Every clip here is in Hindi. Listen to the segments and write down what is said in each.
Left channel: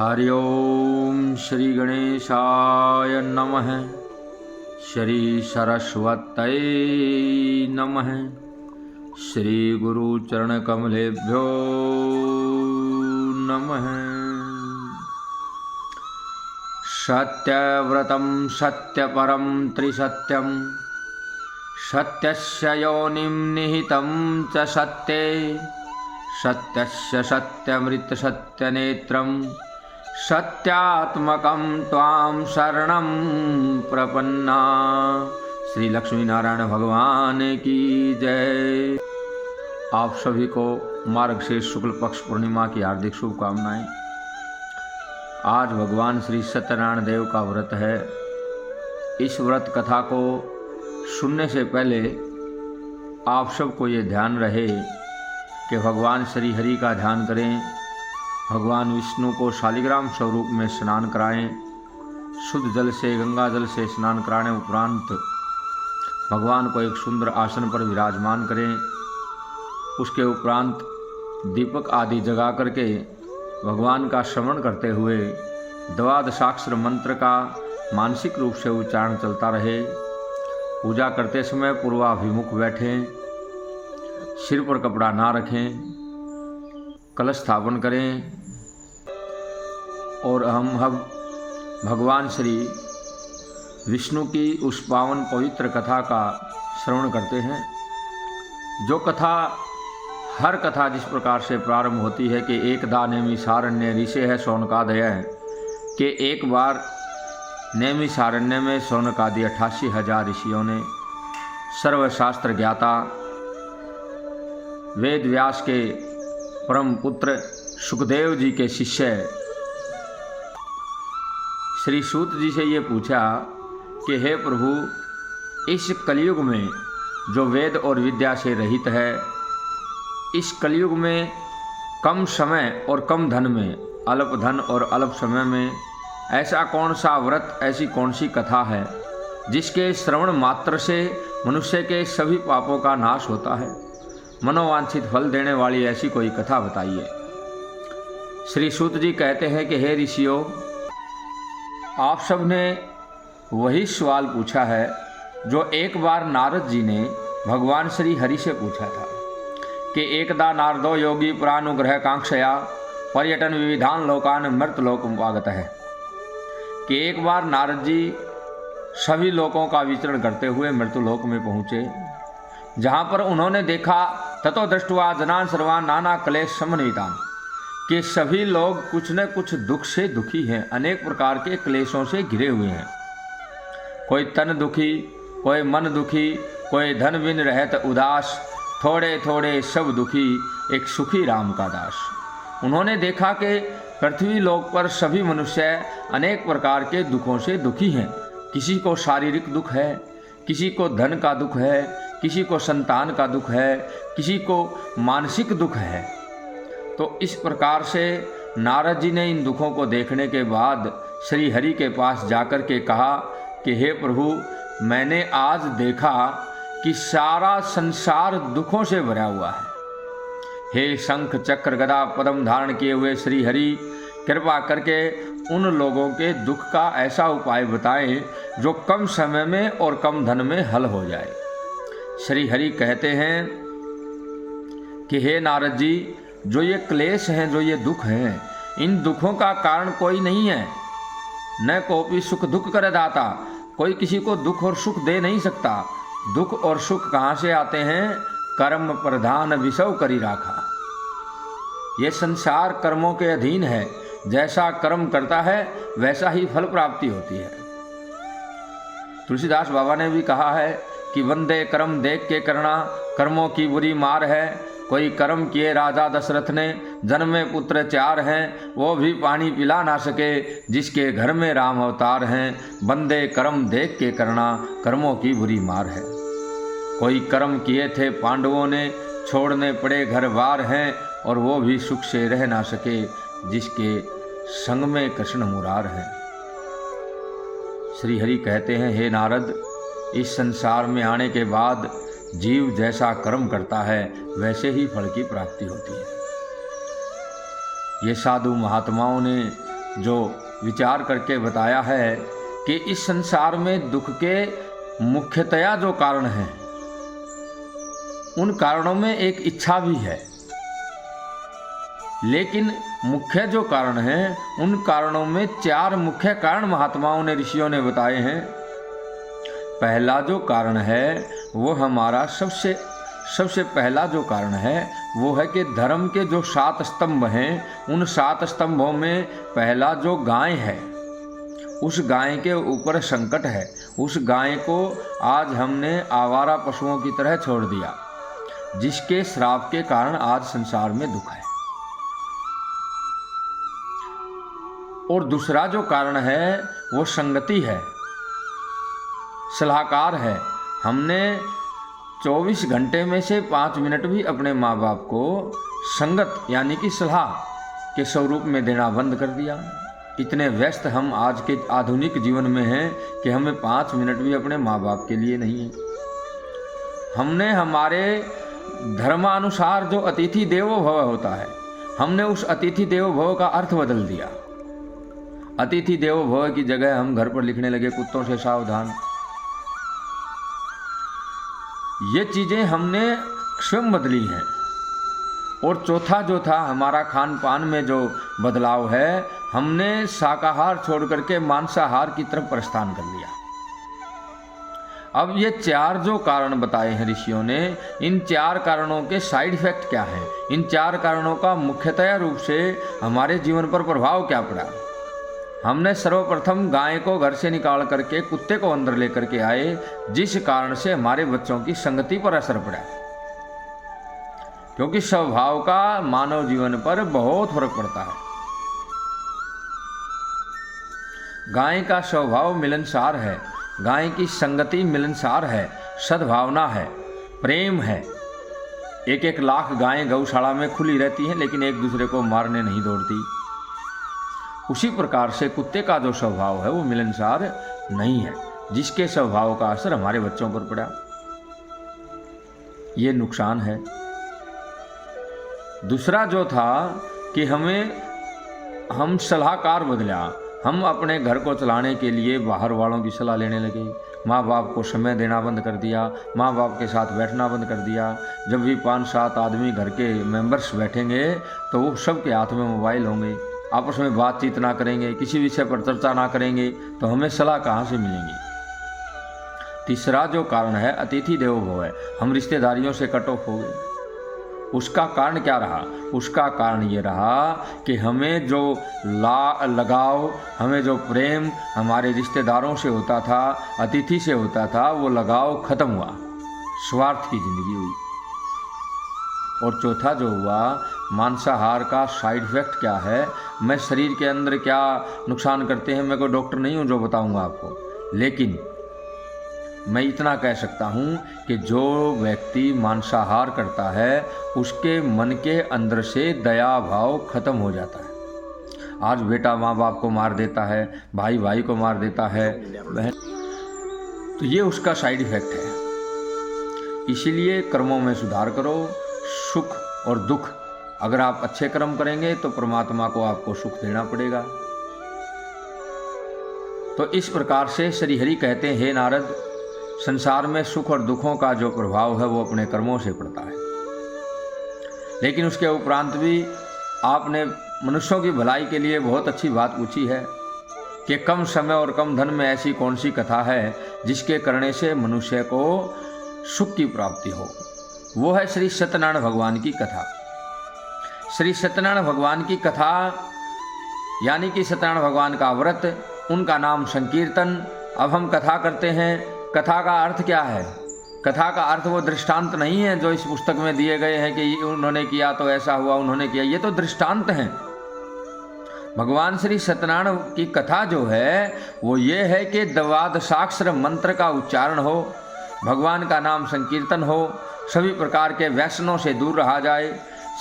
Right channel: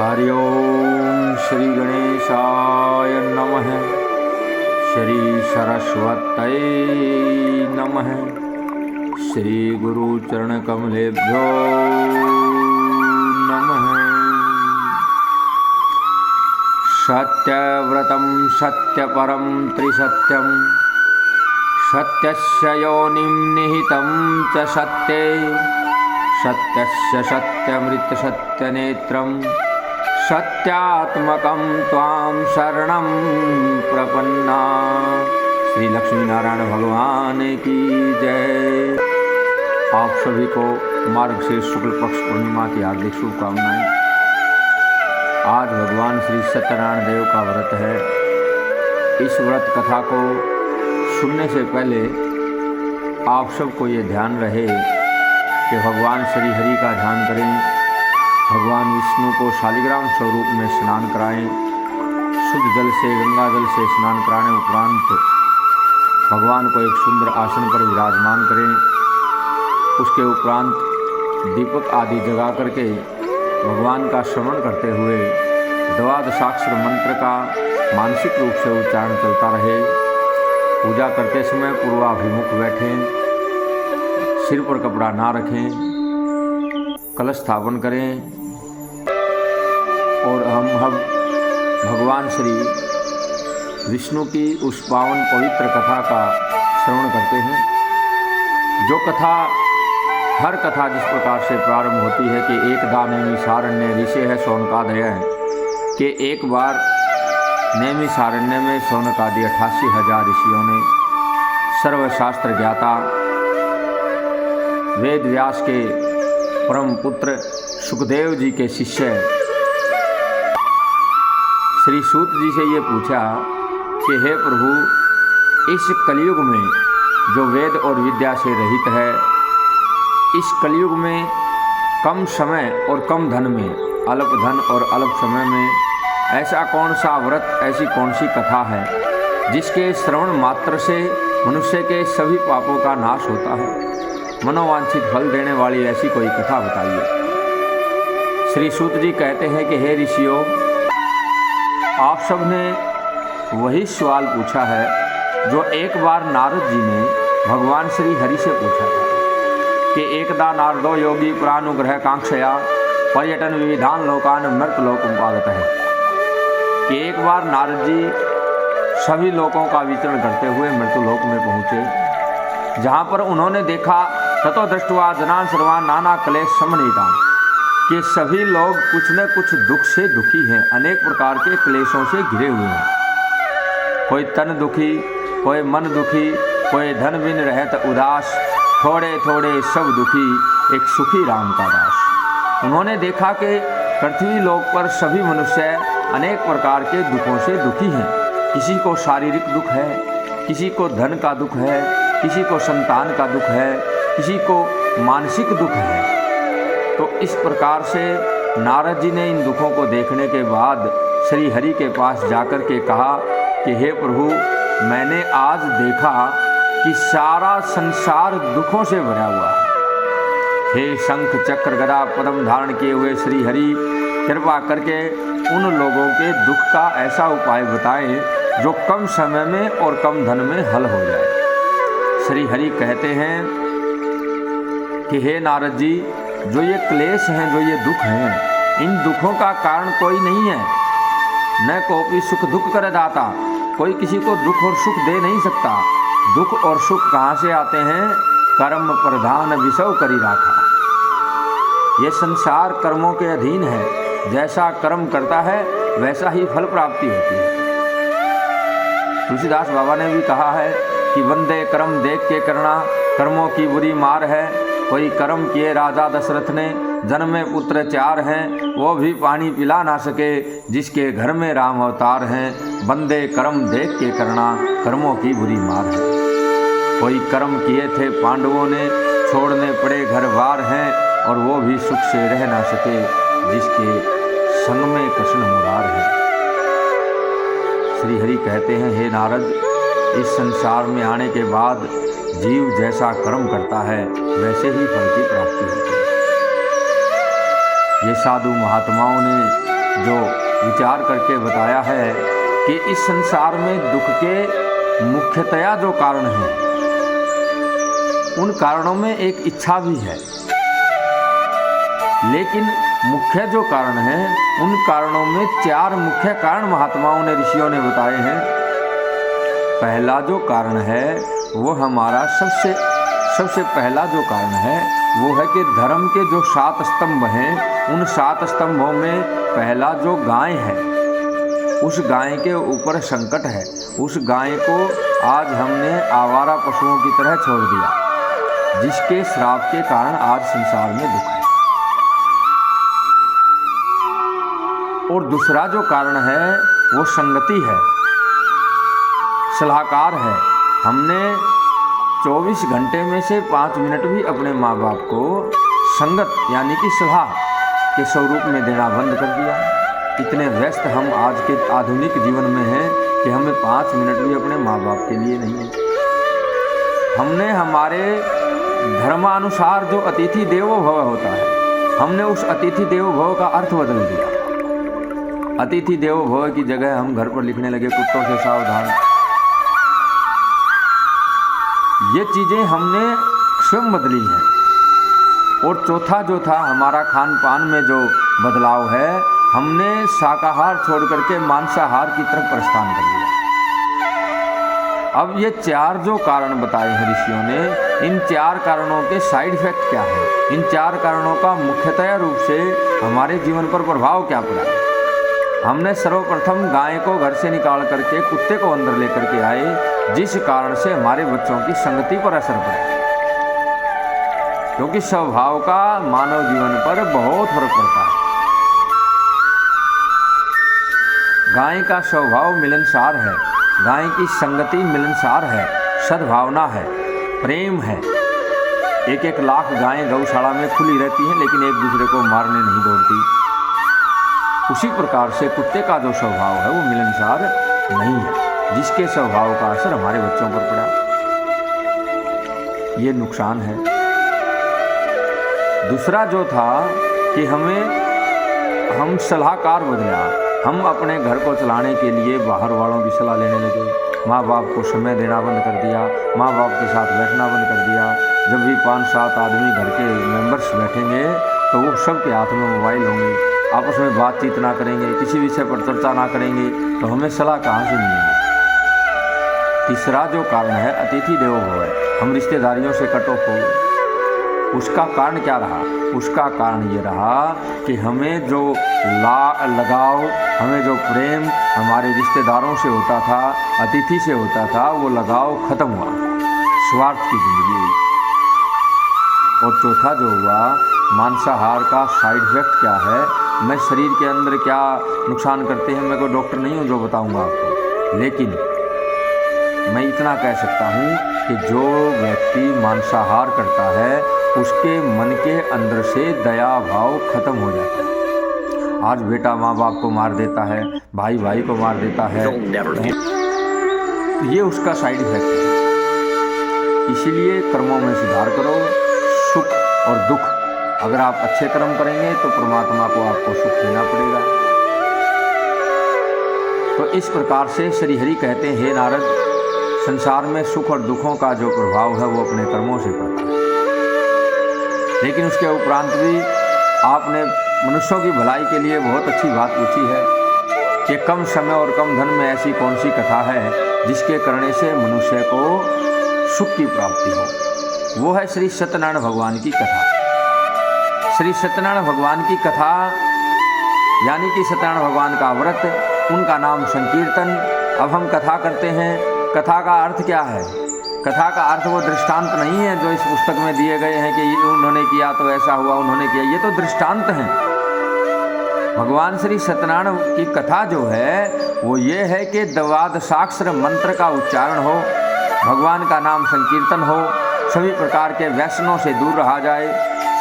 हरि ओम श्री गणेशाय नमः। श्री सरस्वत्यै नमः। श्री गुरु चरण कमलेभ्यो नमः। सत्यव्रतं सत्यपरं त्रिसत्यं सत्यस्य योनिं निहितं च सत्ये सत्यस्य सत्यमृत सत्यनेत्रं सत्यात्मकं त्वां शरणं प्रपन्ना। श्री लक्ष्मी नारायण भगवान की जय। आप सभी को मार्गशीर्ष शुक्ल पक्ष पूर्णिमा की हार्दिक शुभकामनाएं। आज भगवान श्री सत्यनारायण देव का व्रत है। इस व्रत कथा को सुनने से पहले आप सबको ये ध्यान रहे कि भगवान श्री हरि का ध्यान करें, भगवान विष्णु को शालिग्राम स्वरूप में स्नान कराएं, शुद्ध जल से गंगा जल से स्नान कराने उपरांत भगवान को एक सुंदर आसन पर विराजमान करें। उसके उपरांत दीपक आदि जगा करके भगवान का श्रवण करते हुए द्वादशाक्षर मंत्र का मानसिक रूप से उच्चारण चलता रहे। पूजा करते समय पूर्वाभिमुख बैठें, सिर पर कपड़ा ना रखें, कलश स्थापन करें और हम भगवान श्री विष्णु की उस पावन पवित्र कथा का श्रवण करते हैं। जो कथा, हर कथा जिस प्रकार से प्रारंभ होती है कि एकदा नैमिषारण्य ऋषि है शौनकादय है, कि एक बार नैमिषारण्य में शौनकादि 88,000 ऋषियों ने सर्वशास्त्र ज्ञाता वेद व्यास के परम पुत्र सुखदेव जी के शिष्य श्री सूत जी से ये पूछा कि हे प्रभु, इस कलयुग में जो वेद और विद्या से रहित है, इस कलयुग में कम समय और कम धन में, अल्प धन और अल्प समय में ऐसा कौन सा व्रत, ऐसी कौन सी कथा है जिसके श्रवण मात्र से मनुष्य के सभी पापों का नाश होता है? मनोवांछित फल देने वाली ऐसी कोई कथा बताइए। श्री सूत जी कहते हैं कि हे ऋषियों, आप सब ने वही सवाल पूछा है जो एक बार नारद जी ने भगवान श्री हरि से पूछा था कि एकदा नारदो योगी प्रानुग्रह कांक्षया पर्यटन विविधान लोकान मृत लोकमुपागत है, कि एक बार नारद जी सभी लोकों का विचरण करते हुए मृत्यु लोक में पहुँचे, जहाँ पर उन्होंने देखा ततो दृष्टवा जनान सर्वान नाना क्लेश समन्वितान, कि सभी लोग कुछ न कुछ दुख से दुखी हैं, अनेक प्रकार के क्लेशों से घिरे हुए हैं। कोई तन दुखी, कोई मन दुखी, कोई धन बिन रहत उदास, थोड़े थोड़े सब दुखी, एक सुखी राम का दास। उन्होंने देखा कि पृथ्वी लोक पर सभी मनुष्य अनेक प्रकार के दुखों से दुखी हैं। किसी को शारीरिक दुख है, किसी को धन का दुख है, किसी को संतान का दुख है, किसी को मानसिक दुख है। तो इस प्रकार से नारद जी ने इन दुखों को देखने के बाद श्री हरि के पास जाकर के कहा कि हे प्रभु, मैंने आज देखा कि सारा संसार दुखों से भरा हुआ है। हे शंख चक्र गदा पद्म धारण किए हुए श्री हरि, कृपा करके उन लोगों के दुख का ऐसा उपाय बताएं जो कम समय में और कम धन में हल हो जाए। श्री हरि कहते हैं कि हे नारद जी, जो ये क्लेश हैं, जो ये दुख हैं, इन दुखों का कारण कोई नहीं है। न कोई सुख दुख कर दाता, कोई किसी को दुख और सुख दे नहीं सकता। दुख और सुख कहाँ से आते हैं? कर्म प्रधान विषव करी राखा। ये संसार कर्मों के अधीन है, जैसा कर्म करता है वैसा ही फल प्राप्ति होती है। तुलसीदास बाबा ने भी कहा है कि वंदे कर्म देख के करना, कर्मों की बुरी मार है। कोई कर्म किए राजा दशरथ ने, जन्मे पुत्र 4 हैं, वो भी पानी पिला ना सके, जिसके घर में राम अवतार हैं। बंदे कर्म देख के करना, कर्मों की बुरी मार है। कोई कर्म किए थे पांडवों ने, छोड़ने पड़े घर बार हैं, और वो भी सुख से रह ना सके, जिसके संग में कृष्ण मुरार है। श्री हरि कहते हैं, हे नारद, इस संसार में आने के बाद जीव जैसा कर्म करता है वैसे ही फल की प्राप्ति होती है। ये साधु महात्माओं ने जो विचार करके बताया है कि इस संसार में दुख के मुख्यतया जो कारण हैं, उन कारणों में एक इच्छा भी है, लेकिन मुख्य जो कारण हैं उन कारणों में 4 मुख्य कारण महात्माओं ने, ऋषियों ने बताए हैं। पहला जो कारण है वो हमारा सबसे पहला जो कारण है वो है कि धर्म के जो 7 स्तंभ हैं, उन 7 स्तंभों में पहला जो गाय है, उस गाय के ऊपर संकट है। उस गाय को आज हमने आवारा पशुओं की तरह छोड़ दिया, जिसके श्राप के कारण आज संसार में दुख है। और दूसरा जो कारण है वो संगति है, सलाहकार है। हमने 24 घंटे में से 5 मिनट भी अपने माँ बाप को संगत यानी कि सलाह के स्वरूप में देना बंद कर दिया। इतने व्यस्त हम आज के आधुनिक जीवन में हैं कि हमें 5 मिनट भी अपने माँ बाप के लिए नहीं है। हमने हमारे धर्मानुसार जो अतिथि देवो भव होता है, हमने उस अतिथि देवो भव का अर्थ बदल दिया। अतिथि देवो भव की जगह हम घर पर लिखने लगे कुत्तों से सावधान। ये चीज़ें हमने स्वयं बदली हैं। और चौथा जो था हमारा खान पान में जो बदलाव है, हमने शाकाहार छोड़ करके मांसाहार की तरफ प्रस्थान कर लिया। अब ये 4 जो कारण बताए हैं ऋषियों ने, इन 4 कारणों के साइड इफेक्ट क्या है, इन 4 कारणों का मुख्यतया रूप से हमारे जीवन पर प्रभाव क्या पड़ा। हमने सर्वप्रथम गाय को घर से निकाल करके कुत्ते को अंदर लेकर के आए, जिस कारण से हमारे बच्चों की संगति पर असर पड़ा, क्योंकि स्वभाव का मानव जीवन पर बहुत फर्क पड़ता है। गाय का स्वभाव मिलनसार है, गाय की संगति मिलनसार है, सद्भावना है, प्रेम है। 1-1 लाख गायें गौशाला में खुली रहती हैं, लेकिन एक दूसरे को मारने नहीं दौड़ती। उसी प्रकार से कुत्ते का जो स्वभाव है वो मिलनसार नहीं है, जिसके स्वभाव का असर हमारे बच्चों पर पड़ा। ये नुकसान है। दूसरा जो था कि हम सलाहकार बदला। हम अपने घर को चलाने के लिए बाहर वालों की सलाह लेने लगे। माँ बाप को समय देना बंद कर दिया, माँ बाप के साथ बैठना बंद कर दिया। जब भी 5-7 आदमी घर के मेंबर्स बैठेंगे तो वो सबके हाथ में मोबाइल होंगे, आपस में बातचीत ना करेंगे, किसी विषय पर चर्चा ना करेंगे, तो हमें सलाह कहाँ से मिलेगी। तीसरा जो कारण है अतिथि देवो भव है, हम रिश्तेदारियों से कट ऑफ हो गए। उसका कारण क्या रहा? उसका कारण ये रहा कि हमें जो लगाव, हमें जो प्रेम हमारे रिश्तेदारों से होता था, अतिथि से होता था, वो लगाव खत्म हुआ, स्वार्थ की जिंदगी हुई। और चौथा जो हुआ, मांसाहार का साइड इफेक्ट क्या है, मैं शरीर के अंदर क्या नुकसान करते हैं, मैं कोई डॉक्टर नहीं हूँ जो बताऊँगा आपको, लेकिन मैं इतना कह सकता हूँ कि जो व्यक्ति मांसाहार करता है उसके मन के अंदर से दया भाव खत्म हो जाता है। आज बेटा माँ बाप को मार देता है, भाई भाई को मार देता है, तो ये उसका साइड इफेक्ट है। इसीलिए कर्मों में सुधार करो। सुख और दुख, अगर आप अच्छे कर्म करेंगे तो परमात्मा को आपको सुख देना पड़ेगा। तो इस प्रकार से श्री हरि कहते हैं, हे नारद, संसार में सुख और दुखों का जो प्रभाव है वो अपने कर्मों से पड़ता है। लेकिन उसके उपरांत भी आपने मनुष्यों की भलाई के लिए बहुत अच्छी बात पूछी है कि कम समय और कम धन में ऐसी कौन सी कथा है जिसके करने से मनुष्य को सुख की प्राप्ति हो। वो है श्री सत्यनारायण भगवान की कथा। श्री सत्यनारायण भगवान की कथा यानी कि सत्यनारायण भगवान का व्रत, उनका नाम संकीर्तन। अब हम कथा करते हैं, कथा का अर्थ क्या है? कथा का अर्थ वो दृष्टांत नहीं है जो इस पुस्तक में दिए गए हैं कि उन्होंने किया तो ऐसा हुआ, उन्होंने किया, ये तो दृष्टांत हैं। भगवान श्री सत्यनारायण की कथा जो है वो ये है कि द्वादशाक्षर मंत्र का उच्चारण हो, भगवान का नाम संकीर्तन हो, सभी प्रकार के व्यसनों से दूर रहा जाए,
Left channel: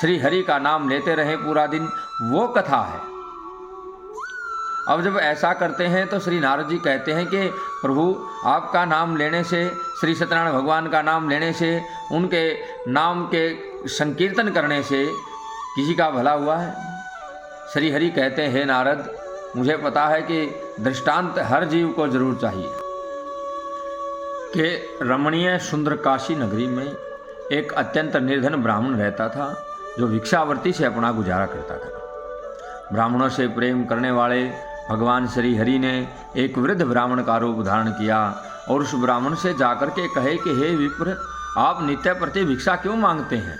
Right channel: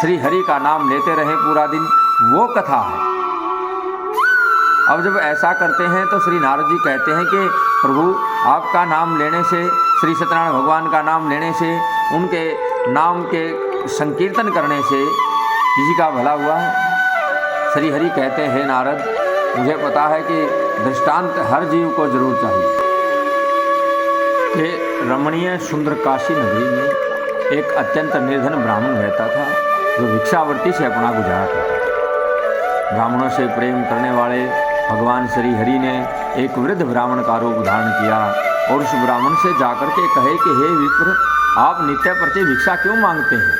श्री हरि का नाम लेते रहें पूरा दिन, वो कथा है। अब जब ऐसा करते हैं तो श्री नारद जी कहते हैं कि प्रभु आपका नाम लेने से, श्री सत्यनारायण भगवान का नाम लेने से, उनके नाम के संकीर्तन करने से किसी का भला हुआ है? श्री हरि कहते हैं, हे नारद, मुझे पता है कि दृष्टांत हर जीव को जरूर चाहिए कि रमणीय सुंदर काशी नगरी में एक अत्यंत निर्धन ब्राह्मण रहता था जो भिक्षावृत्ति से अपना गुजारा करता था। ब्राह्मणों से प्रेम करने वाले भगवान श्री हरि ने एक वृद्ध ब्राह्मण का रूप धारण किया और उस ब्राह्मण से जाकर के कहे कि हे विप्र, आप नित्य प्रति भिक्षा क्यों मांगते हैं।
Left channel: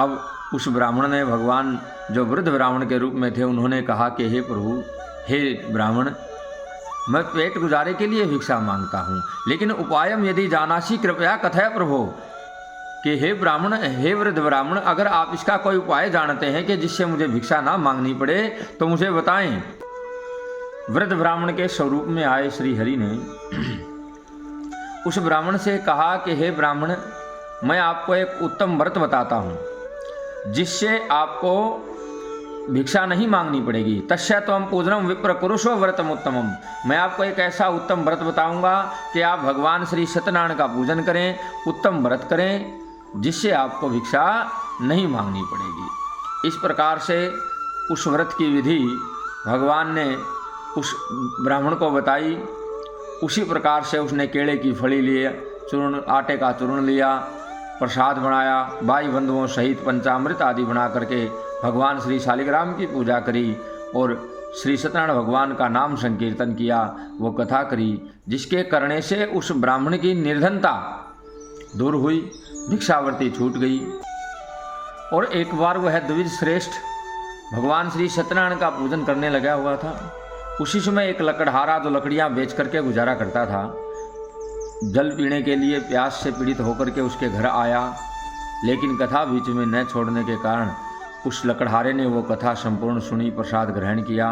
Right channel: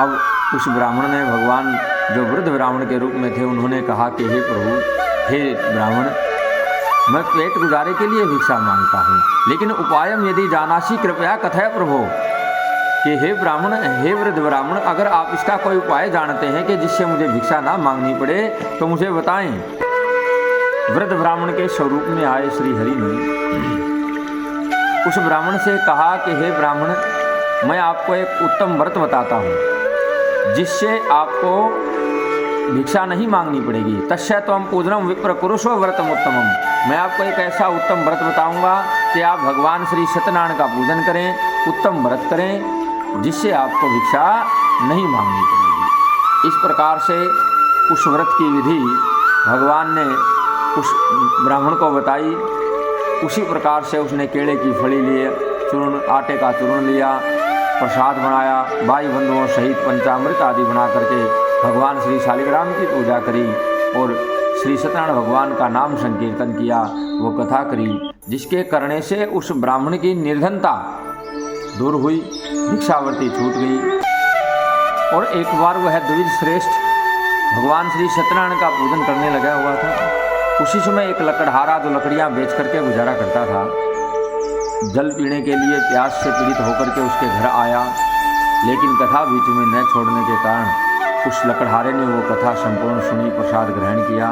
अब उस ब्राह्मण ने, भगवान जो वृद्ध ब्राह्मण के रूप में थे, उन्होंने कहा कि हे प्रभु, हे ब्राह्मण, मैं पेट गुजारे के लिए भिक्षा मांगता हूँ, लेकिन उपायम यदि जानासी कृपया कथय प्रभु, कि हे ब्राह्मण, हे वृद्ध ब्राह्मण, अगर आप इसका कोई उपाय जानते हैं कि जिससे मुझे भिक्षा ना मांगनी पड़े तो मुझे बताएं। वृद्ध ब्राह्मण के स्वरूप में आए श्री हरि ने उस ब्राह्मण से कहा कि हे ब्राह्मण, मैं आपको एक उत्तम व्रत बताता हूँ जिससे आपको भिक्षा नहीं मांगनी पड़ेगी। तस्य त्वं पूजनम विप्र कुरुषो व्रतम उत्तमम। मैं आपको एक ऐसा उत्तम व्रत बताऊंगा कि आप भगवान श्री सत्यनारायण का पूजन करें, उत्तम व्रत करें, जिससे आपको भिक्षा नहीं मांगनी पड़ेगी। इस प्रकार से उस व्रत की विधि भगवान ने उस ब्राह्मण को बताई। उसी प्रकार से उसने केले की फली लिए, चूर्ण, आटे का चूर्ण लिया, प्रसाद बनाया, भाई बंधुओं सहित पंचामृत आदि बना करके भगवान श्री शालिग्राम की पूजा करी और श्री सत्यनारायण भगवान का नाम संकीर्तन किया, वो कथा करी, जिसके करने से उस ब्राह्मण की निर्धनता दूर हुई, भिक्षावृत्ति छूट गई। और एक बार वह द्विज श्रेष्ठ भगवान श्री सत्यनारायण का पूजन करने लगा हुआ था। उसी समय एक लकड़हारा जो लकड़ियाँ बेच करके गुजारा करता था, जल पीने के लिए प्यास से पीड़ित होकर के उसके घर आया, लेकिन कथा बीच में न छोड़ने के कारण उस लकड़हारे ने वो कथा संपूर्ण सुनी, प्रसाद ग्रहण किया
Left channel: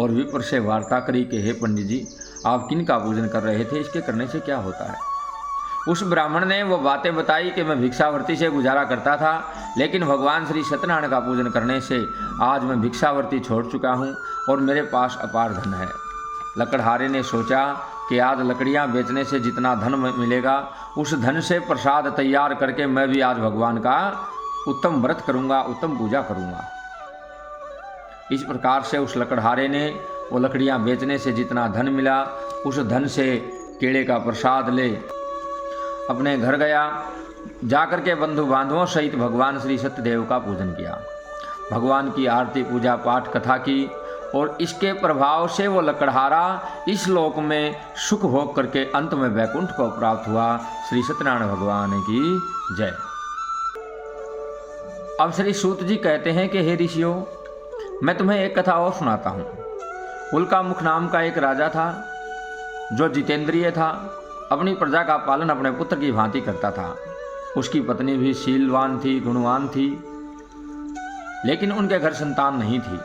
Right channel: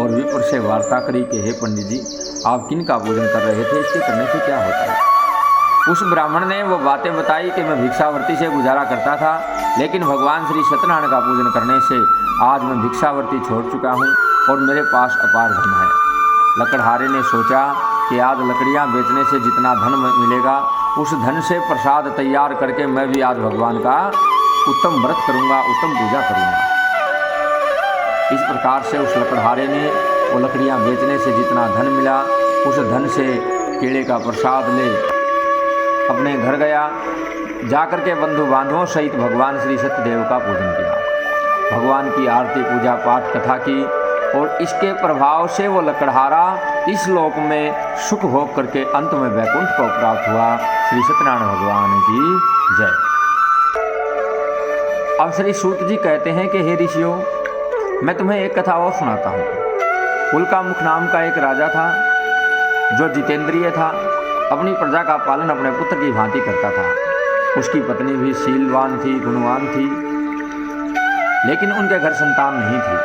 और विप्र से वार्ता करी कि हे पंडित जी, आप किन का पूजन कर रहे थे, इसके करने से क्या होता है। उस ब्राह्मण ने वो बातें बताई कि मैं भिक्षावृत्ति से गुजारा करता था, लेकिन भगवान श्री सत्यनारायण का पूजन करने से आज मैं भिक्षावृत्ति छोड़ चुका हूँ और मेरे पास अपार धन है। लकड़हारे ने सोचा कि आज लकड़ियाँ बेचने से जितना धन मिलेगा, उस धन से प्रसाद तैयार करके मैं भी आज भगवान का उत्तम व्रत करूँगा, उत्तम पूजा करूँगा। इस प्रकार से उस लकड़हारे ने वो लकड़ियाँ बेचने से जितना धन मिला, उस धन से केले का प्रसाद ले अपने घर गया। जाकर के बंधु बांधवों सहित भगवान श्री सत्यदेव का पूजन किया, भगवान की आरती, पूजा पाठ, कथा की और इसके प्रभाव से वो लकड़हारा इस लोक में सुख भोग करके अंत में वैकुंठ को प्राप्त हुआ। श्री सत्यनारायण भगवान की जय। अब श्री सूत जी कहते हैं कि हे ऋषियों, मैं तुम्हें एक कथा और सुनाता हूँ। उल्कामुख नाम का एक राजा था जो जितेंद्रिय था, अपनी प्रजा का पालन अपने पुत्र की भांति करता था। उसकी पत्नी भी शीलवान थी, गुणवान थी, लेकिन उनके घर संतान नहीं थी।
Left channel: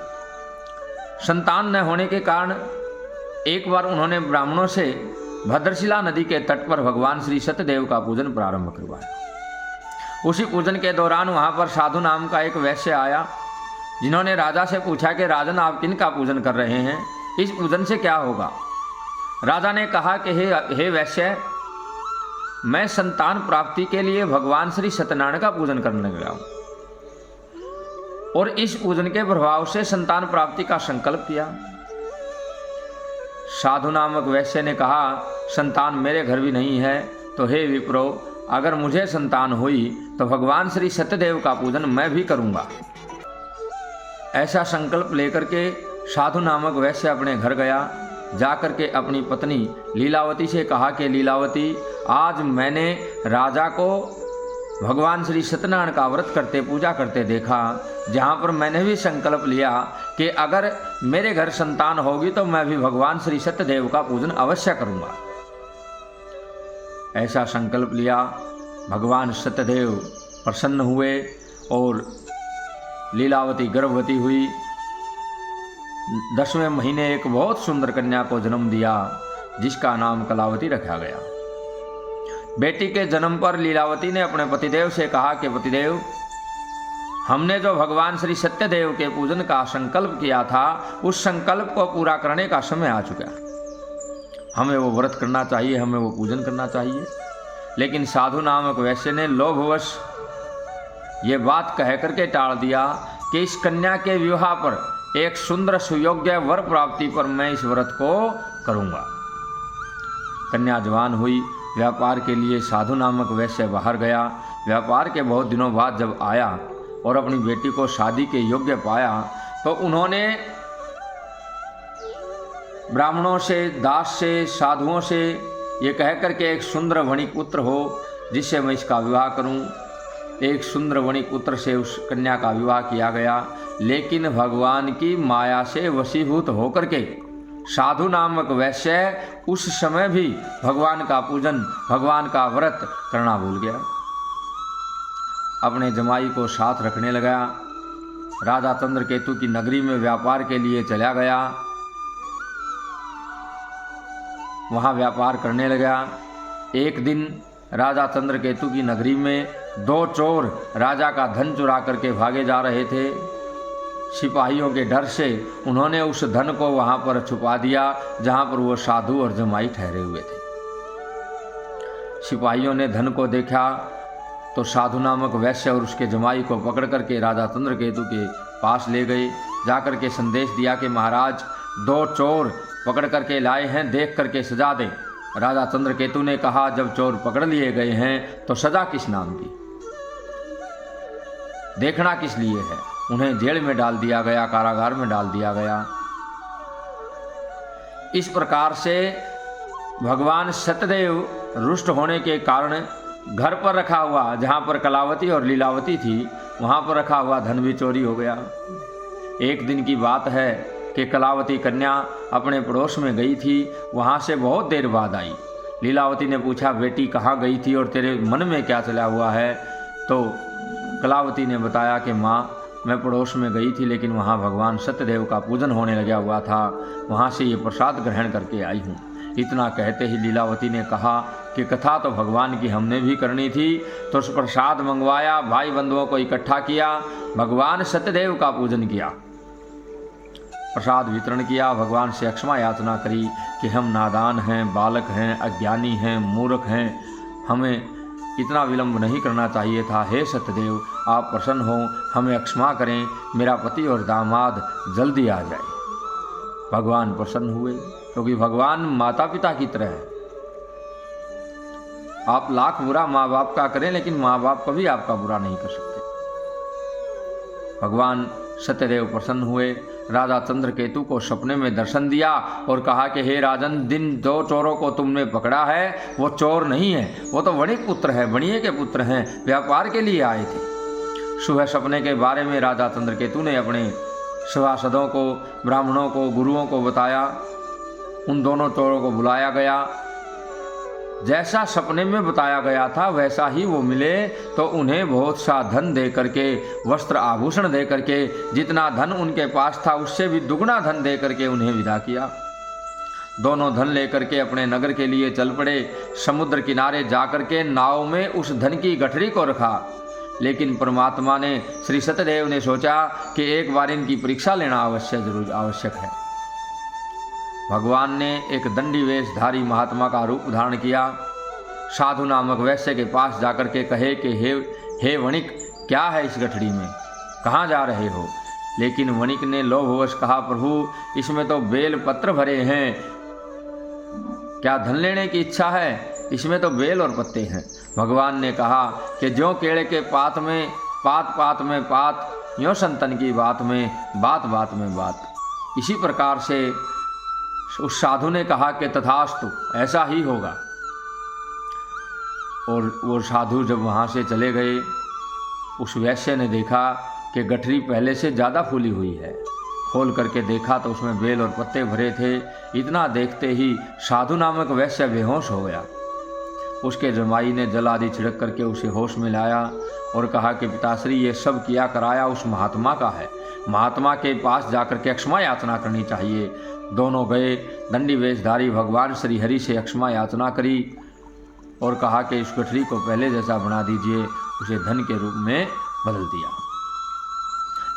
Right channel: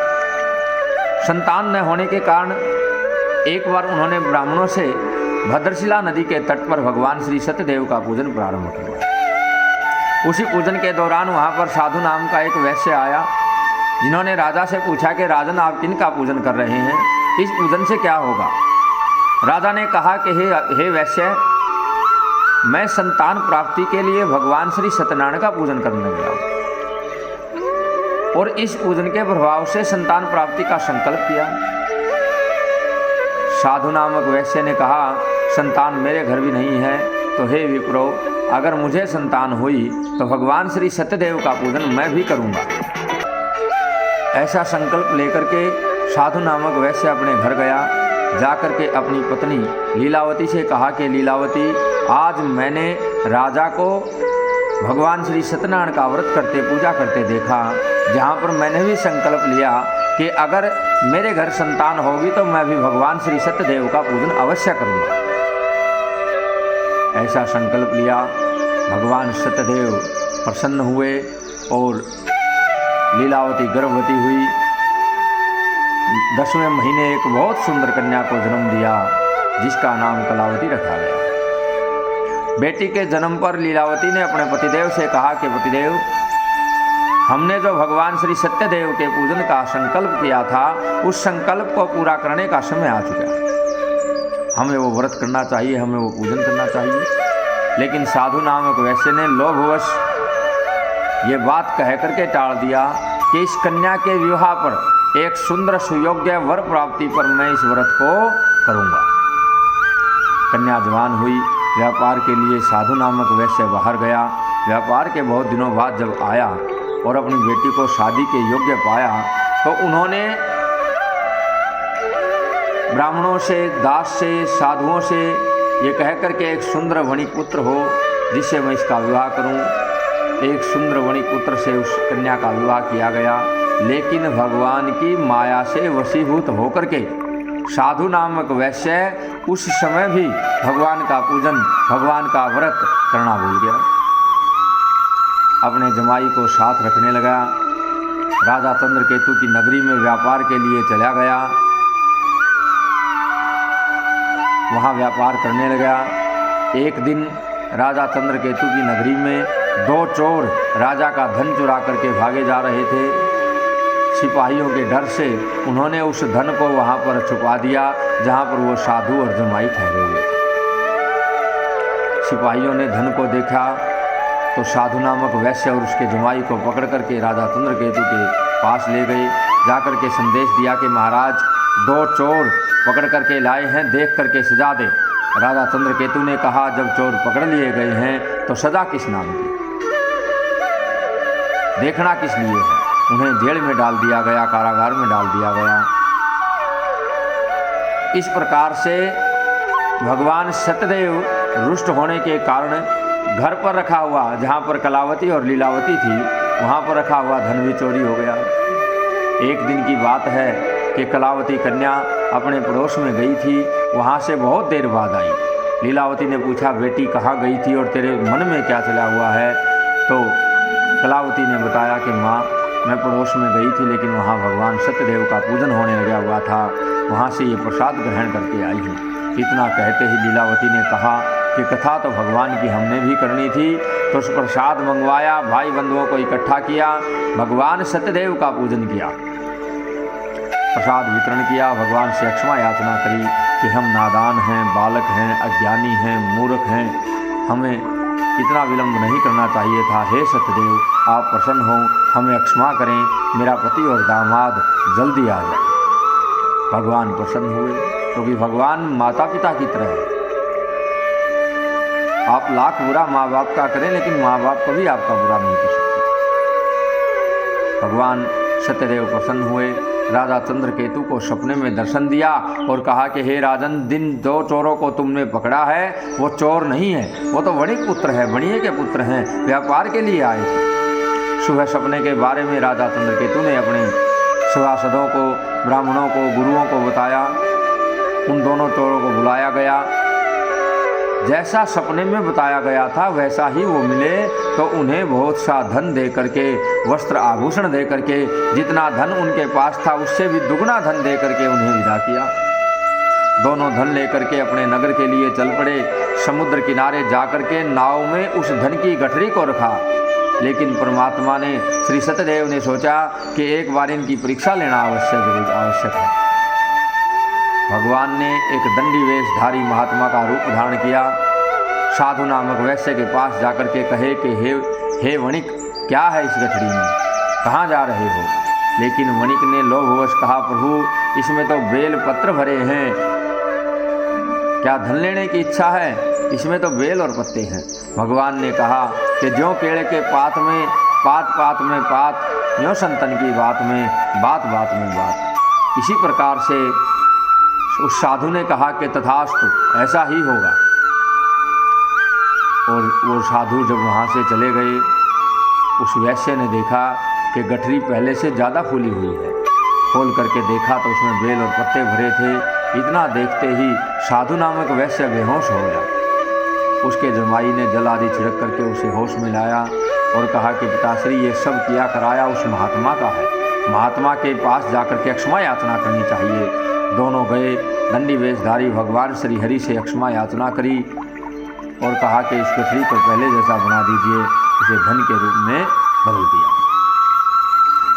संतान न होने के कारण एक बार उन्होंने ब्राह्मणों से भद्रशिला नदी के तट पर भगवान श्री सत्यदेव का पूजन प्रारंभ किया। उसी पूजन के दौरान वहाँ पर साधु नाम का एक वैश्य आया, जिन्होंने राजा से पूछा कि राजन, आप किन का पूजन कर रहे हैं, इस पूजन से क्या होगा। राजा ने कहा कि हे वैश्य, मैं संतान प्राप्ति के लिए भगवान श्री सत्यनारायण का पूजन करने गया हूँ और इस पूजन के प्रभाव से संतान प्राप्ति का संकल्प किया। साधु नामक वैश्य ने कहा, संतान मेरे घर भी नहीं है, तो हे विप्रो, अगर मुझे संतान हुई तो भगवान श्री सत्यदेव का पूजन मैं भी करूँगा। ऐसा संकल्प लेकर के साधु नामक वैश्य अपने घर गया। जाकर के अपनी पत्नी लीलावती से कहा कि लीलावती, आज मैंने राजा को भगवान श्री सत्यनारायण का व्रत करते, पूजा करते देखा, जहाँ पर मैंने भी संकल्प लिया कि अगर मेरे घर संतान होगी तो मैं भी भगवान श्री सत्यदेव का पूजन अवश्य करूँगा। ऐसा संकल्प लिया। भगवान सत्यदेव प्रसन्न हुए और लीलावती गर्भवती हुई। 10वें महीने एक बहुत सुंदर कन्या को जन्म दिया, जिसका नाम कलावती रखा गया। बेटी के जन्म पर लीलावती ने अपने पतिदेव से कहा कि पतिदेव, हमने जो भगवान श्री सत्यदेव के पूजन का संकल्प किया था, उस संकल्प को पूरा करने का समय आ चुका है। हमें वो व्रत करना चाहिए, हमें वो पूजन करना चाहिए। लेकिन साधु नामक वैश्य ने लोभवश ये बात कह करके टाल दिया कि इस कन्या के विवाह पर एक सुंदर सुयोग्य वर प्राप्ति पर मैं इस व्रत को करूँगा। कन्या जवान हुई, व्यापार के लिए साधु नामक वैश्य बाहर गया। व्यापार के बहुत दिनों बाद जब आया और अपनी बेटी को शादी के योग्य पाया तो उन्होंने ब्राह्मणों से, दास से, साधुओं से ये कह करके एक सुंदर वणिक पुत्र हो जिससे मैं इसका विवाह करूं। एक सुंदर वणिक पुत्र से उस कन्या का विवाह किया गया, लेकिन भगवान की माया से वशीभूत होकर के साधु नामक वैश्य उस समय भी भगवान का पूजन, भगवान का व्रत करना भूल गया। अपने जमाई को साथ रखने लगा। राजा चंद्रकेतु की नगरी में व्यापार के लिए चला गया, वहाँ व्यापार करने लगा। एक दिन राजा चंद्रकेतु की नगरी में दो चोर राजा का धन चुरा करके भागे जा रहे थे। सिपाहियों के डर से उन्होंने उस धन को वहाँ पर छुपा दिया जहाँ पर वो साधु और जमाई ठहरे हुए थे। सिपाहियों ने धन को देखा तो साधु नामक वैश्य और उसके जमाई को पकड़ करके राजा चंद्रकेतु के पास ले गए। जाकर के संदेश दिया कि महाराज, दो चोर पकड़ करके लाए हैं, देख करके सजा दें। राजा चंद्रकेतु ने कहा, जब चोर पकड़ लिए गए हैं तो सजा किस नाम की, देखना किस लिए है? उन्हें जेल में डाल दिया गया, कारागार में डाल दिया गया। इस प्रकार से भगवान सत्यदेव रुष्ट होने के कारण घर पर रखा हुआ, जहाँ पर कलावती और लीलावती थी, वहाँ पर रखा हुआ धन भी चोरी हो गया। एक दिन की बात है कि कलावती कन्या अपने पड़ोस में गई थी, वहाँ से बहुत देर बाद आई। लीलावती ने पूछा, बेटी कहाँ गई थी और तेरे मन में क्या चला हुआ है? तो कलावती ने बताया कि माँ, मैं पड़ोस में गई थी, लेकिन वहाँ भगवान सत्यदेव का पूजन होने लगा हुआ था, वहाँ से ये प्रसाद ग्रहण करके आई हूँ। इतना कहते ही लीलावती ने कहा कि कथा तो भगवान की हमने भी करनी थी, तो उस प्रसाद मंगवाया, भाई बंधुओं को इकट्ठा किया, भगवान सत्यदेव का पूजन किया, प्रसाद वितरण किया, भगवान से क्षमा याचना करी कि हम नादान हैं, बालक हैं, अज्ञानी हैं, मूर्ख हैं, हमें इतना विलंब नहीं करना चाहिए था। हे सत्यदेव, आप प्रसन्न हो, हमें क्षमा करें, मेरा पति और दामाद जल्दी आ जाए। भगवान प्रसन्न हुए, क्योंकि भगवान माता पिता की तरह है। आप लाख बुरा माँ बाप का करें, लेकिन माँ बाप कभी आपका बुरा नहीं कर सकते। भगवान सत्यदेव प्रसन्न हुए, राजा चंद्रकेतु को सपने में दर्शन दिया और कहा कि हे राजन, जिन दो चोरों को तुमने पकड़ा है वो चोर नहीं है, वो तो वणिक पुत्र है, वणिये के पुत्र हैं, व्यापार के लिए आए थे। सुबह सपने के बारे में राजा चंद्रकेतु ने अपने सभासदों को, ब्राह्मणों को, गुरुओं को बताया। उन दोनों चोरों को बुलाया गया। जैसा सपने में बताया गया था वैसा ही वो मिले, तो उन्हें बहुत सा धन दे करके, वस्त्र आभूषण दे करके, जितना धन उनके पास था उससे भी दुगना धन दे करके उन्हें विदा किया। दोनों धन लेकर के अपने नगर के लिए चल पड़े। समुद्र किनारे जाकर के नाव में उस धन की गठरी को रखा, लेकिन परमात्मा ने, श्री सत्यदेव ने सोचा कि एक बार इनकी परीक्षा लेना आवश्यक है। भगवान ने एक दंडी वेशधारी महात्मा का रूप धारण किया। साधु नामक वैश्य के पास जाकर के कहे कि हे वणिक, क्या है इस गठरी में, कहाँ जा रहे हो? लेकिन वणिक ने लोभवश कहा, प्रभु, इसमें तो बेल पत्र भरे हैं, क्या धन लेने की इच्छा है? इसमें तो बेल और पत्ते हैं। भगवान ने कहा कि ज्यों केले के पात में पात, यों संतन की बात में बात में बात। इसी प्रकार से उस साधु ने कहा कि तथास्तु, ऐसा ही होगा। और वो साधु जब वहाँ से चले गए, उस वैश्य ने देखा कि गठरी पहले से ज़्यादा फूली हुई है। खोल करके देखा तो उसमें बेल और पत्ते भरे थे। इतना देखते ही साधु नामक वैश्य बेहोश हो गया। उसके जमाई ने जल आदि छिड़क करके उसे होश में लाया और कहा कि पिताश्री, ये सब किया कराया उस महात्मा का है, महात्मा के पास जाकर के क्षमा याचना करनी चाहिए। दोनों गए, दंडी वेशधारी भगवान श्री हरि से क्षमा याचना करी और कहा कि इस गठरी को पहले जैसा बना दीजिए। उसे धन के रूप में बदल दिया।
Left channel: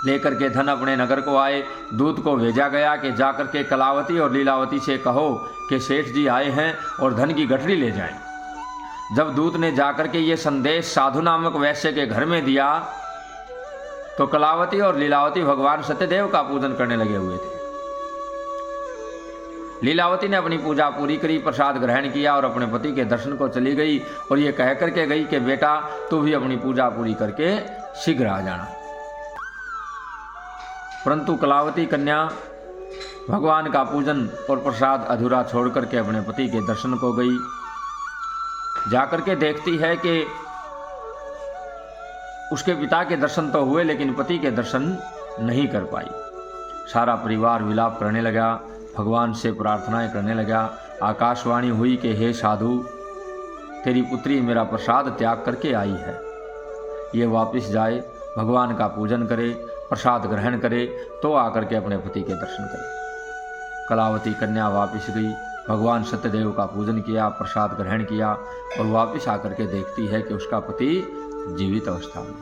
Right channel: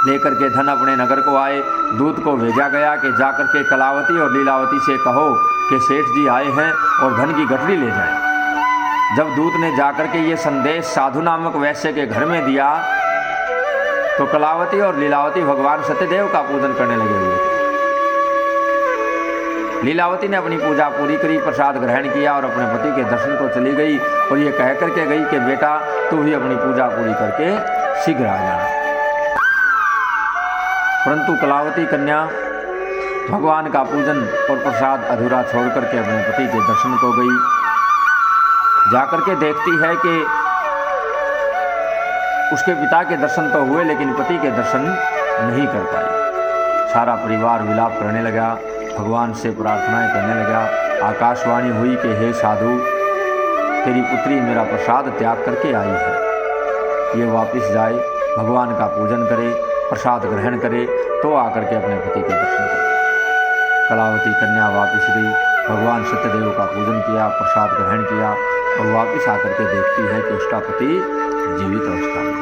लेकर के धन अपने नगर को आए। दूत को भेजा गया कि जाकर के कलावती और लीलावती से कहो कि सेठ जी आए हैं और धन की गठरी ले जाएं। जब दूत ने जाकर के ये संदेश साधु नामक वैश्य के घर में दिया तो कलावती और लीलावती भगवान सत्यदेव का पूजन करने लगे हुए थे। लीलावती ने अपनी पूजा पूरी करी, प्रसाद ग्रहण किया और अपने पति के दर्शन को चली गई और ये कह करके गई कि बेटा तू भी अपनी पूजा पूरी करके शीघ्र आ जाना। परंतु कलावती कन्या भगवान का पूजन और प्रसाद अधूरा छोड़ करके अपने पति के दर्शन को गई। जाकर के देखती है कि उसके पिता के दर्शन तो हुए लेकिन पति के दर्शन नहीं कर पाई। सारा परिवार विलाप करने लगा, भगवान से प्रार्थनाएं करने लगा। आकाशवाणी हुई कि हे साधु, तेरी पुत्री मेरा प्रसाद त्याग करके आई है, ये वापस जाए, भगवान का पूजन करे, प्रसाद ग्रहण करे तो आकर के अपने पति के दर्शन करे। कलावती कन्या वापस गई, भगवान सत्यदेव का पूजन किया, प्रसाद ग्रहण किया और वापस आकर के देखती है कि उसका पति जीवित अवस्था में।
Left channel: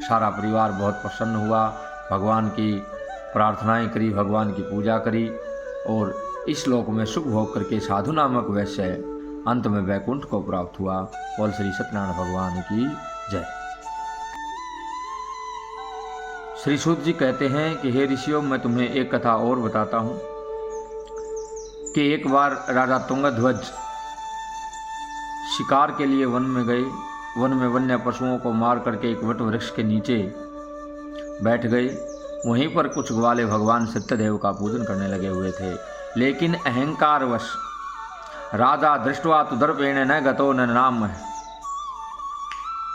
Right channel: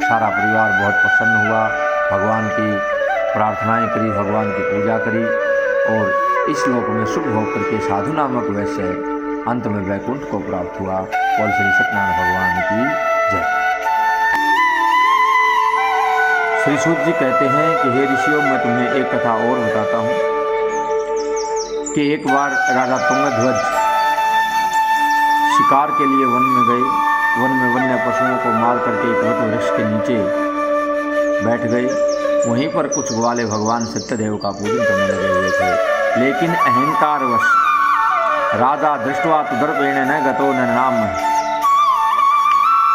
सारा परिवार बहुत प्रसन्न हुआ, भगवान की प्रार्थनाएं करी, भगवान की पूजा करी और इस लोक में सुख भोग करके साधु नामक वैश्य अंत में वैकुंठ को प्राप्त हुआ। बोल श्री सत्यनारायण भगवान की जय। श्री सूत जी कहते हैं कि हे ऋषियों, मैं तुम्हें एक कथा और बताता हूँ कि एक बार राजा तुंगध्वज शिकार के लिए वन में गए। वन में वन्य पशुओं को मार करके एक वट वृक्ष के नीचे बैठ गए। वहीं पर कुछ ग्वाले भगवान सत्यदेव का पूजन करने लगे हुए थे, लेकिन अहंकारवश राजा दृष्टवा तुदर्पेण न गतो न नाम,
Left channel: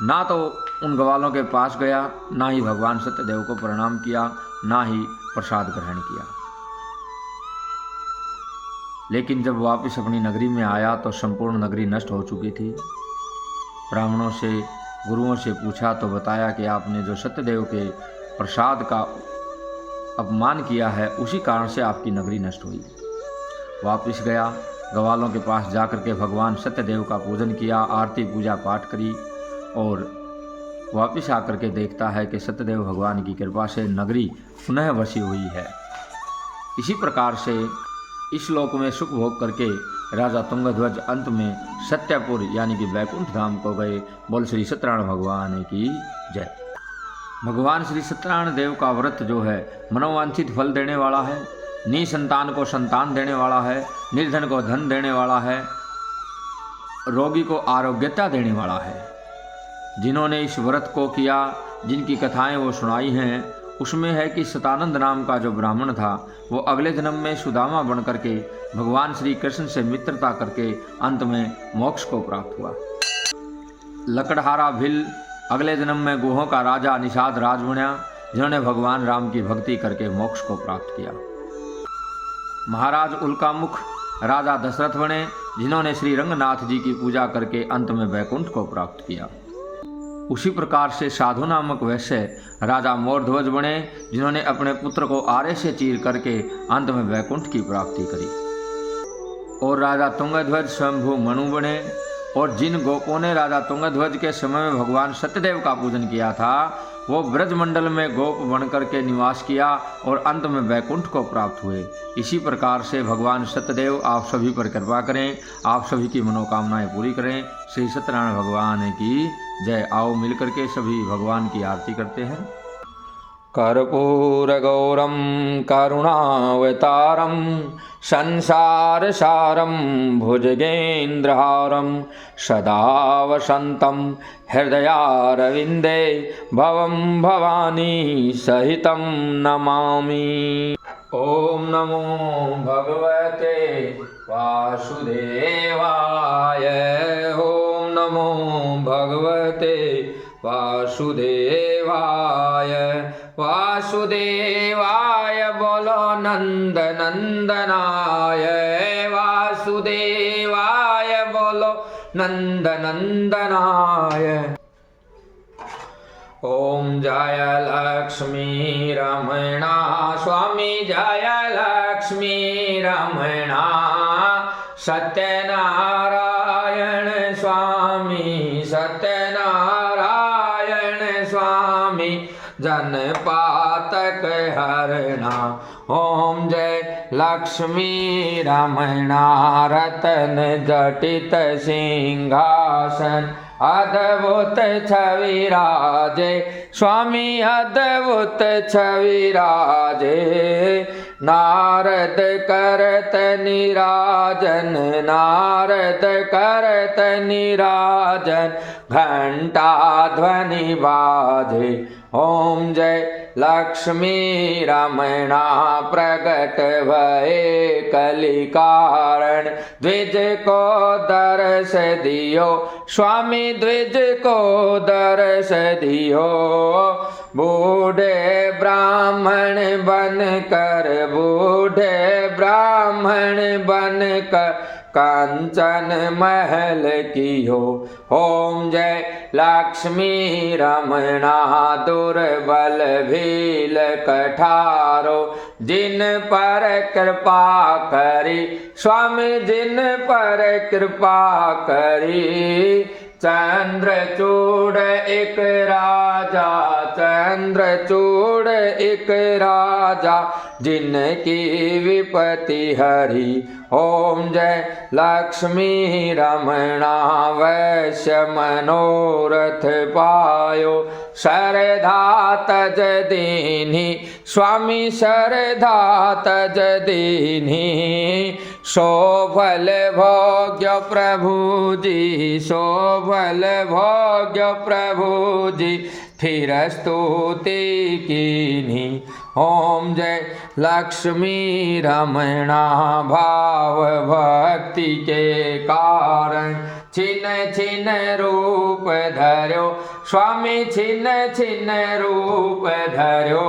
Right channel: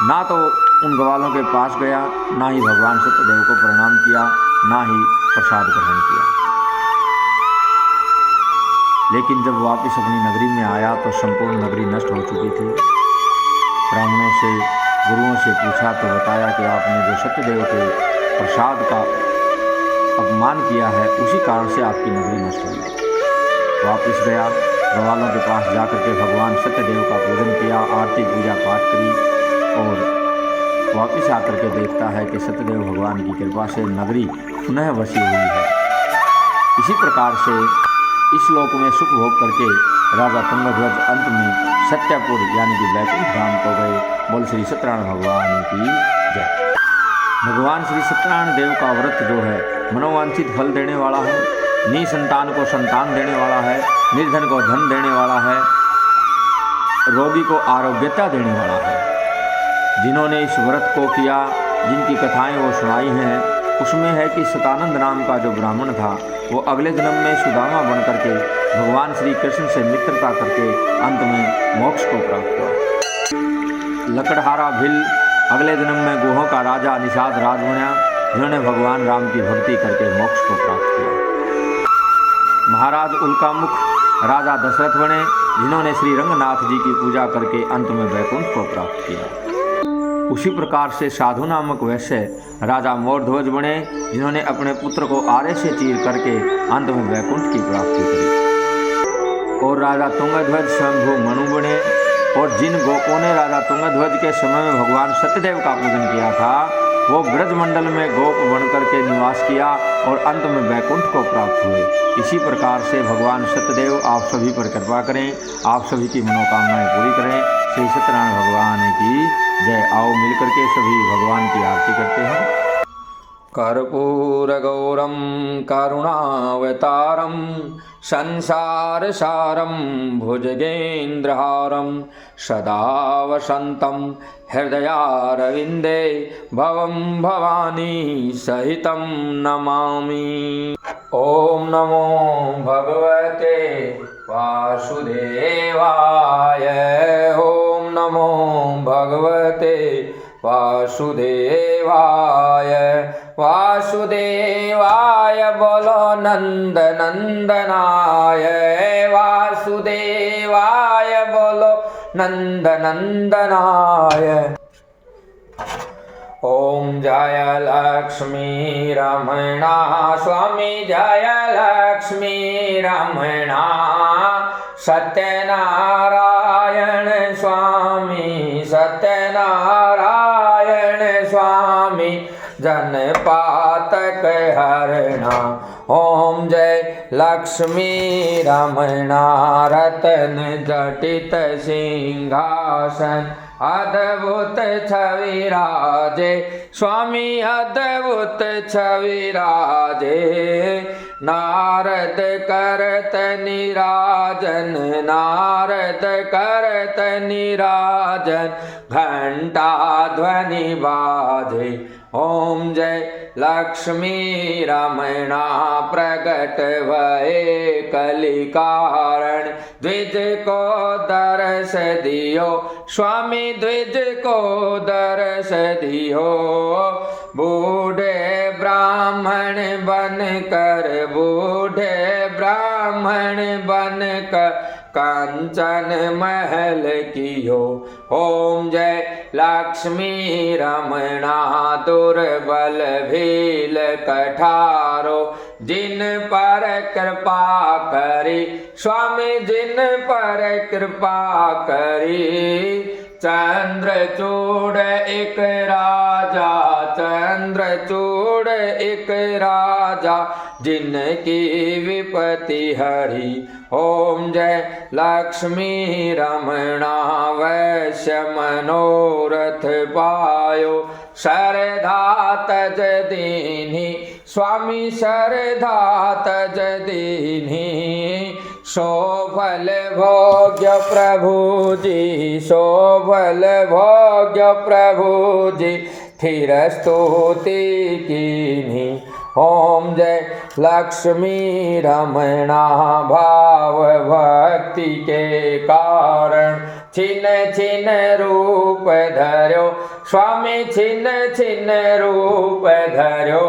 ना तो उन ग्वालों के पास गया, ना ही भगवान सत्यदेव को प्रणाम किया, ना ही प्रसाद ग्रहण किया। लेकिन जब वापस अपनी नगरी में आया तो संपूर्ण नगरी नष्ट हो चुकी थी। ब्राह्मणों से, गुरुओं से पूछा तो बताया कि आपने जो सत्यदेव के प्रसाद का अपमान किया है, उसी कारण से आपकी नगरी नष्ट हुई। वापस गया, ग्वालों के पास जाकर के भगवान सत्यदेव का पूजन किया, आरती पूजा पाठ करी और वापस आकर के देखता है कि सत्यदेव भगवान की कृपा से नगरी पुनः बसी हुई है। इसी प्रकार से इस लोक में सुख भोग करके राजा तुंगध्वज अंत में सत्यपुर यानी कि वैकुंठ धाम को गए। बोल श्री सत्यनारायण भगवान की जय। भगवान श्री सत्यनारायण देव का व्रत जो है मनोवांछित फल देने वाला है, निसंतान को संतान देने वाला है, निर्धन को धन देने वाला है, रोगी को आरोग्यता देने वाला है। जिन्होंने इस व्रत को किया, जिनकी कथाएं वो सुनाई हैं, उसमें है कि सतानंद नाम का जो ब्राह्मण था वो अगले जन्म में सुदामा बन करके भगवान श्री कृष्ण से मित्रता करके अंत में मोक्ष को प्राप्त हुआ। लकड़हारा भिल अगले जन्म में गुहों का राजा निषाद राज बना, जिन्होंने भगवान राम की भक्ति करके मोक्ष को प्राप्त किया। महाराज उल्कामुख राजा दशरथ बने, जिन्होंने श्री रंगनाथ जी की पूजा करके अंत में वैकुंठ को प्राप्त किया। उसी प्रकार से साधु नामक वैश्य राजा मोरध्वज बने, जिन्होंने अपने पुत्र को आरे से चीर करके अंत में वैकुंठ की प्राप्ति करी। और राजा तुंगध्वज शंभु मनु बने, और जिन गोपों ने राजा तुंगध्वज के समय में भगवान सत्यदेव का पूजन किया था वो ब्रजमंडल में गोप बन करके निवास किया और अंत में वैकुंठ को प्राप्त हुए। इसी प्रकार से भगवान सत्यदेव आप सभी पर कृपा करें, आप सभी की मनोकामनाएं पूरी करें। श्री सत्यनारायण भगवान की जय। आओ मिलकर के सभी भगवान की आरती करते हैं। कर्पूरगौरं करुणावतारं संसारसारं भुजगेन्द्रहारं सदा वसन्तं हृदयारविन्दे भवं भवानी सहितं नमामि। ॐ नमो भगवते वासुदेवाय। ॐ नमो भगवते वासुदेवाय। वासुदेवाय बोलो नंद नंदनाय। वासुदेवाय बोलो नंद नंदनाय। ओम जय लक्ष्मी रमणा स्वामी जय लक्ष्मी रमणा। सत्यनारायण स्वामी सत्यनारायण स्वामी जन पातक हरणा। ओम जय लक्ष्मी रमणा रतन जटित सिंहासन अद्भुत छवि राजे स्वामी अद्भुत छवि राजे। नारद करत निराजन नारद करत निराजन घंटा ध्वनि बाजे। ओम जय लक्ष्मी रमणा प्रगट भये कलि कारण। द्विज को दर्श दियो स्वामी द्विज को दर्श दियो। बूढ़े ब्राह्मण बन कर बूढ़े ब्राह्मण बन कर कांचन महल कियो। ओम जय लक्ष्मी रमणा दुर्बल भील कठारो। जिन पर कृपा करी स्वामी जिन पर कृपा करी। चंद्रचूड़ एक राजा चंद्रचूड़ एक राजा जिनकी विपत्ति हरी। ओम जय लक्ष्मी रमणा वैश्य मनोरथ पायो। श्रद्धा तज दीनी स्वामी श्रद्धा तज दीनी। शोभल भोग्य प्रभु जी शोभल भोग्य प्रभु जी फिर स्तुति कीनी। ओम जय लक्ष्मी रमणा भाव भक्ति के कारण। छिन छिन रूप धर्यो स्वामी छिन छिन रूप धर्यो।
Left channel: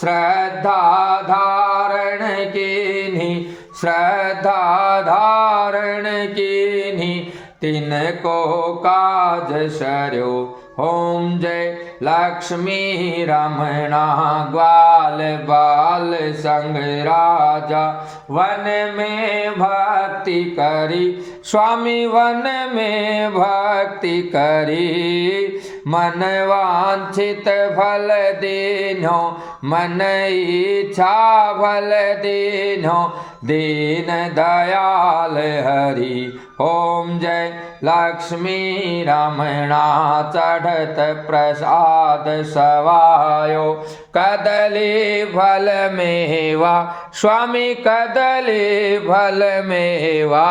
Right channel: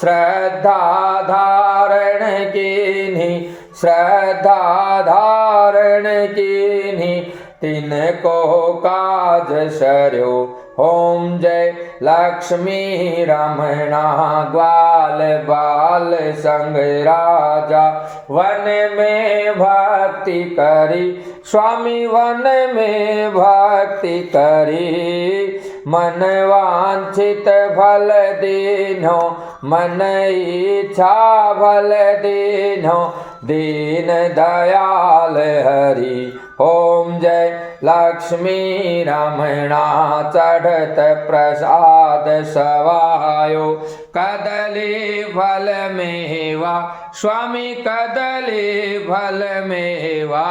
श्रद्धा धारण कीनी श्रद्धा धारण कीनी तिनको काज सर्यो। ओम जय लक्ष्मी रमणा ग्वाल बाल संग राजा। वन में भक्ति करी स्वामी वन में भक्ति करी। मन वांछित फल दीनो मन इच्छा फल दीनो दीन दयाल हरि। ओम जय लक्ष्मी रमणा चढ़त प्रसाद सवायो। कदली फल मेवा स्वामी कदली फल मेवा।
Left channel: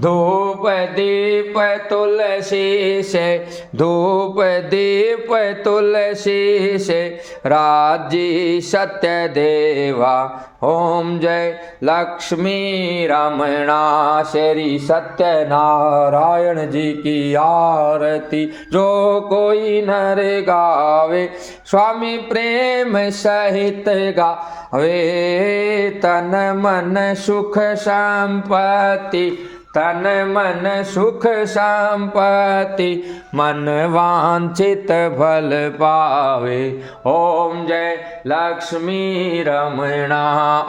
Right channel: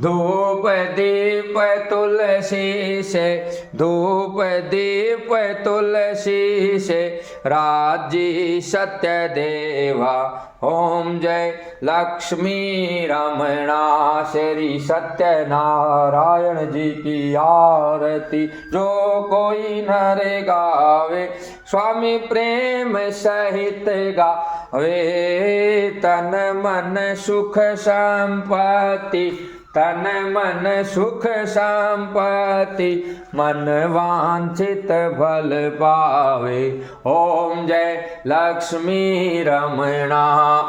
धूप दीप तुलसी से धूप दीप तुलसी से राजी सत्य देवा। ओम जय लक्ष्मी रमणा श्री सत्यनारायण जी की आरती। जो कोई नर गावे स्वामी प्रेम सहित गावे। तन मन सुख संपत्ति तन मन सुख संपत्ति मन वांछित फल पावे। ओम जय लक्ष्मी रमणा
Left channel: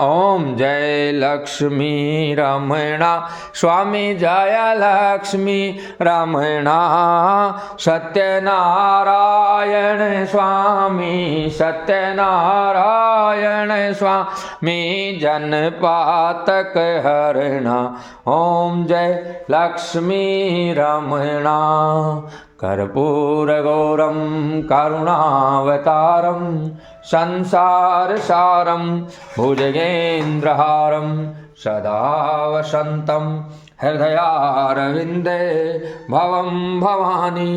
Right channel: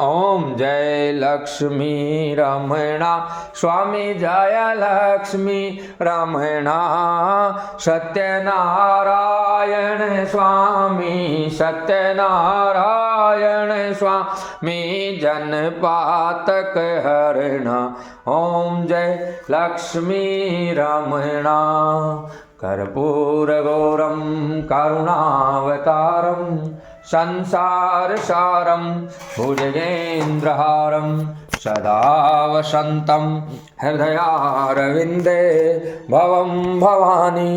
ओम जय लक्ष्मी रमणा स्वामी जय लक्ष्मी रमणा। सत्यनारायण स्वामी सत्यनारायण स्वामी जन पातक हरणा। ओम जय लक्ष्मी रमणा। कर्पूरगौरं करुणावतारं संसारसारं भुजगेन्द्रहारं सदा वसन्तं हृदयारविन्दे भवं भवानी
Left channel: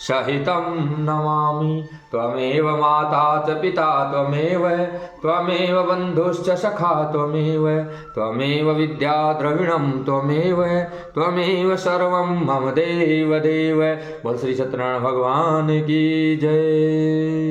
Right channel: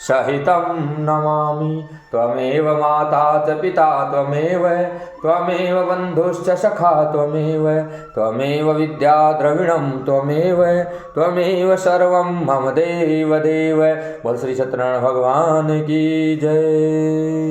सहितं नमामि। त्वमेव माता च पिता त्वमेव बन्धुश्च सखा त्वमेव विद्या द्रविणं त्वमेव सर्वं मम देव देव। बोल श्री सत्यनारायण भगवान की जय।